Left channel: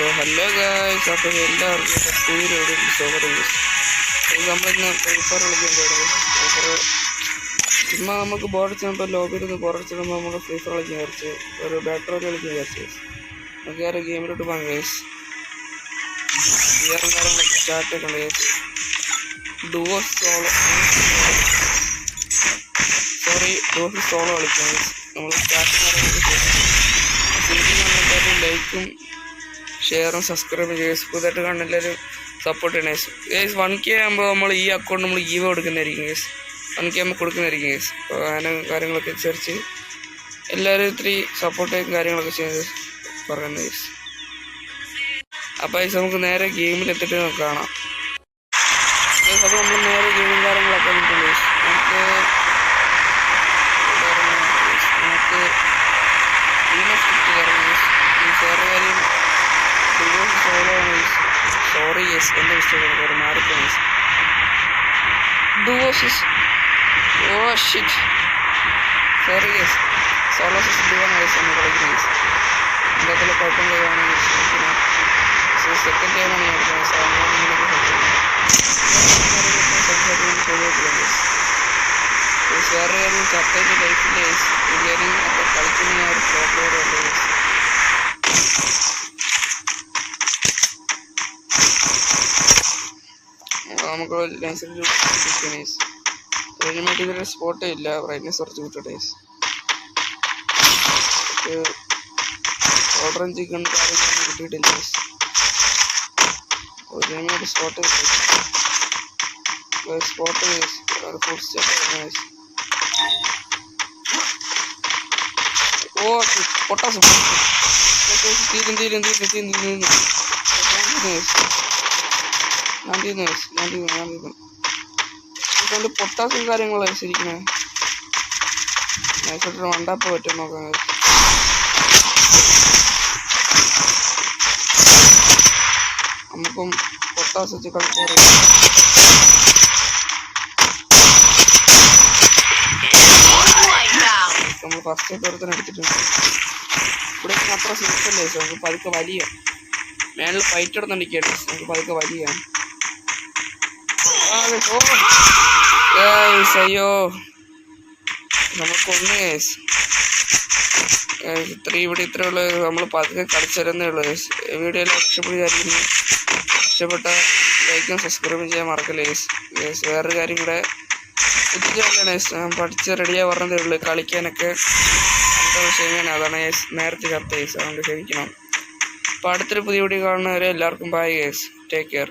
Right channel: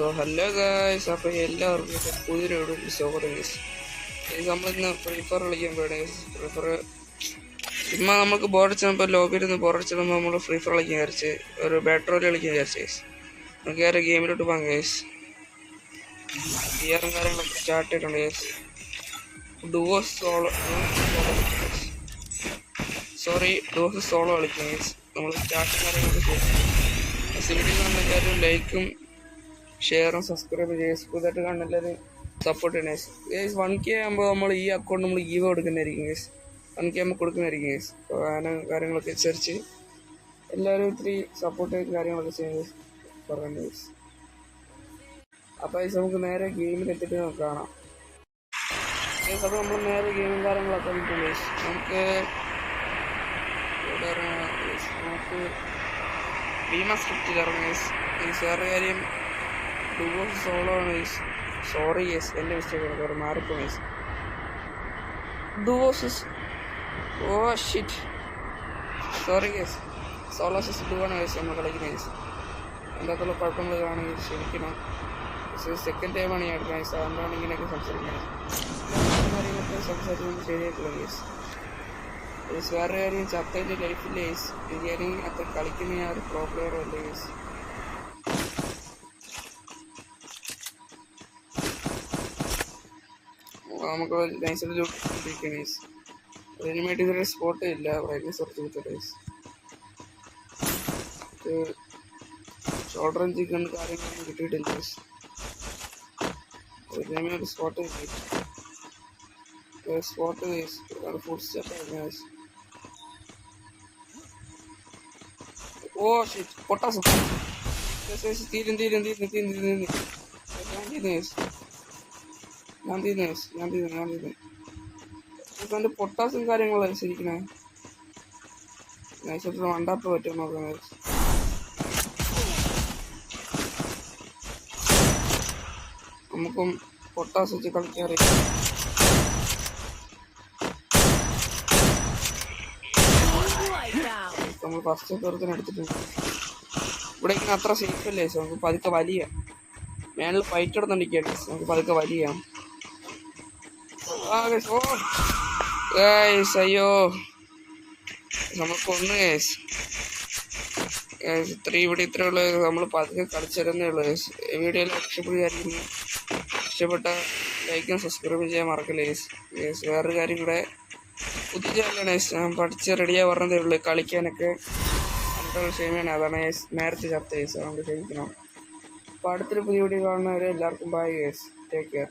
So hello guys, അപ്പോൾ എല്ലാവർക്കും പുതിയൊരു സ്വാഗതം. ഇത് നമ്മളിന്ന് ഫ്രീ ഫയർ കളിക്കാൻ പോയത്. ചുമ്മാ നമുക്ക് ബോറടിച്ചപ്പോൾ ലോബിയിൽ നിന്ന് ബോറടിച്ചപ്പോൾ നമ്മൾ ഫ്രീ ഫയർ കളിക്കാൻ വിചാരിച്ച് ഒരു ബാറ്ററി കളിക്കാൻ വിചാരിച്ചു. നമുക്ക് വേറെ ഗെയിമിലോട്ട് പോകാം ഗൈസ്. ഗിയറും കാര്യങ്ങളൊക്കെ സ്റ്റാർട്ട് ചെയ്യണം ഗൈസ്. ഡുവോ സോളോ കളിക്കാം ഗൈസ്. നമ്മൾ സ്റ്റാർട്ടിങ് കാര്യങ്ങളൊക്കെ ചെയ്യും. സിനിമ കാണുന്നവരും ലൈക്കും ഷെയറും സബ്സ്ക്രൈബ് ചെയ്യുക. പുതുതായിട്ട് കാണുന്ന എല്ലാവരും സപ്പോർട്ട് ചെയ്യണേ ഗൈസ്. 1K ആകുമ്പോൾ നമ്മൾ ഈ അക്കൗണ്ട് നമ്മൾ ഈവോ കൊടുക്കുന്നതായിരിക്കും ഗൈസ്. 1K ആകുമ്പോൾ കൊടുക്കുന്നതായിരിക്കും ഗൈസ്. അപ്പോൾ അങ്ങനെ കാര്യങ്ങളൊക്കെ അനുസരിച്ച് എല്ലാവരും ഇത്തിരി സപ്പോർട്ട് കാര്യങ്ങളൊക്കെ ചെയ്ത് പറയുന്നത് ഗൈസ്. അപ്പോൾ ഗൈസ് നമുക്ക് നേരെ ഗെയിമിലെത്തിയിട്ട് നമുക്ക് കാണാം ഗൈസ്. അപ്പോൾ നമ്മൾ നേരെ ഗെയിമും കാര്യങ്ങളൊക്കെ നിൽക്കും ഗൈസ്. നമുക്ക് സ്ക്രിപ്റ്റ് ഇറങ്ങും ഗൈസ്. ഈ വേറെ കാര്യം സോളോ ആണ് ഗൈസ്. സോറി ഗൈസ്, എൻ്റെ മിസ്റ്റേക്കാണ്, കുറേ മാറിപ്പോയി ഗൈസ്. ഡുവോസിസ് ഷിറ്റ് സോറി ഗൈസ്. സോളോ സിസ് ഡുവാണ് ഗൈസ് നമ്മൾ കളിക്കുന്നത് ഗൈസ്. എൻ്റെ അതിൽ കുഴപ്പങ്ങൾ കാണും ഗൈസ്. പിന്നെ സെക്കൻഡ് ടൈമാണ് ഞാൻ എടുക്കുന്നത് ഗൈസ്. അതുകൊണ്ടാണ് ഇങ്ങനെയൊക്കെ സംസാരിക്കുന്നത് ശരിയായിട്ടില്ല ഗൈസ്. വേറെ കാര്യം ചട്ടയിൻ്റെ ലൈഫിൻ്റെ ഗൈസ്. ബിരിയാണി അപ്പോൾ കളിക്കുന്ന ഞാൻ ഒരു പ്രോ പ്ലെയർ അല്ലേ ഗൈസ്. നമുക്ക് നൈസൊരു ഗൈസ്. റെഡിമേഡ് ഇതുവരെ സ്പോട്ടേ ഇല്ല. ബ്രൈറ്റ്നസ് കുറച്ച് കിട്ടട്ടെ ഗൈസ്. ഓർഡറും ചിക്കൻ കാര്യങ്ങളൊന്നും കിട്ടിയിട്ടില്ല guys. Readymade spot guys. Food step guys. പൊട്ടാസ് തീരും പൊട്ടാസും കാര്യങ്ങളാണ് ശരിക്കണേ. നൈസായിട്ട് വണ്ടാപ്പ് പറ്റും നോക്കാം. നമുക്കും പൊട്ടാസ് വെച്ച് കളിക്കാറില്ല. നമ്മൾ ഫസ്റ്റ് പേർത്തന്നെ എടുത്തിട്ടുണ്ട്. ഇവിടെ അത്ര സിമ്പിളല്ലേ. നമുക്ക് പതുക്കെ വലിയ മേളിൽ ഫൈറ്റ് എടുത്തോണ്ടിരിക്കുകയാണ്. നമുക്ക് പതുക്കെ വലിയ അയ്യോ നമുക്കൊന്ന് ഗൈസ്. ഇത്രേ ഉള്ളൂ. നമ്മൾ പതുക്കെ കളിച്ചിരുന്നേ ഉള്ളൂ ഗൈസ്. വീഡിയോയിൽ ഇഷ്ടപ്പെട്ട ലൈക്കും സബ്സ്ക്രൈബും ചെയ്യാൻ മറക്കല്ലേ ഗൈസ്. വേറൊരു കാര്യം കൂടെ പുതിയതാണ് ഗൈസ്. ഞാൻ പഠിച്ച് റെഡിയായി പറഞ്ഞതേ ഉള്ളൂ. കളിക്കാനൊക്കെ അടുത്ത വിഷയമാണ്. അതാണ് ഗൈസ് നേരത്തെ ചർച്ച ഗൈസ്. അതുകൊണ്ട് ക്ഷമിക്കണം. അപ്പോൾ അടുത്തൊരു പുതിയ വീഡിയോ കാണുന്നവരെ എല്ലാവർക്കും ബൈ ഗൈസ്. Take care.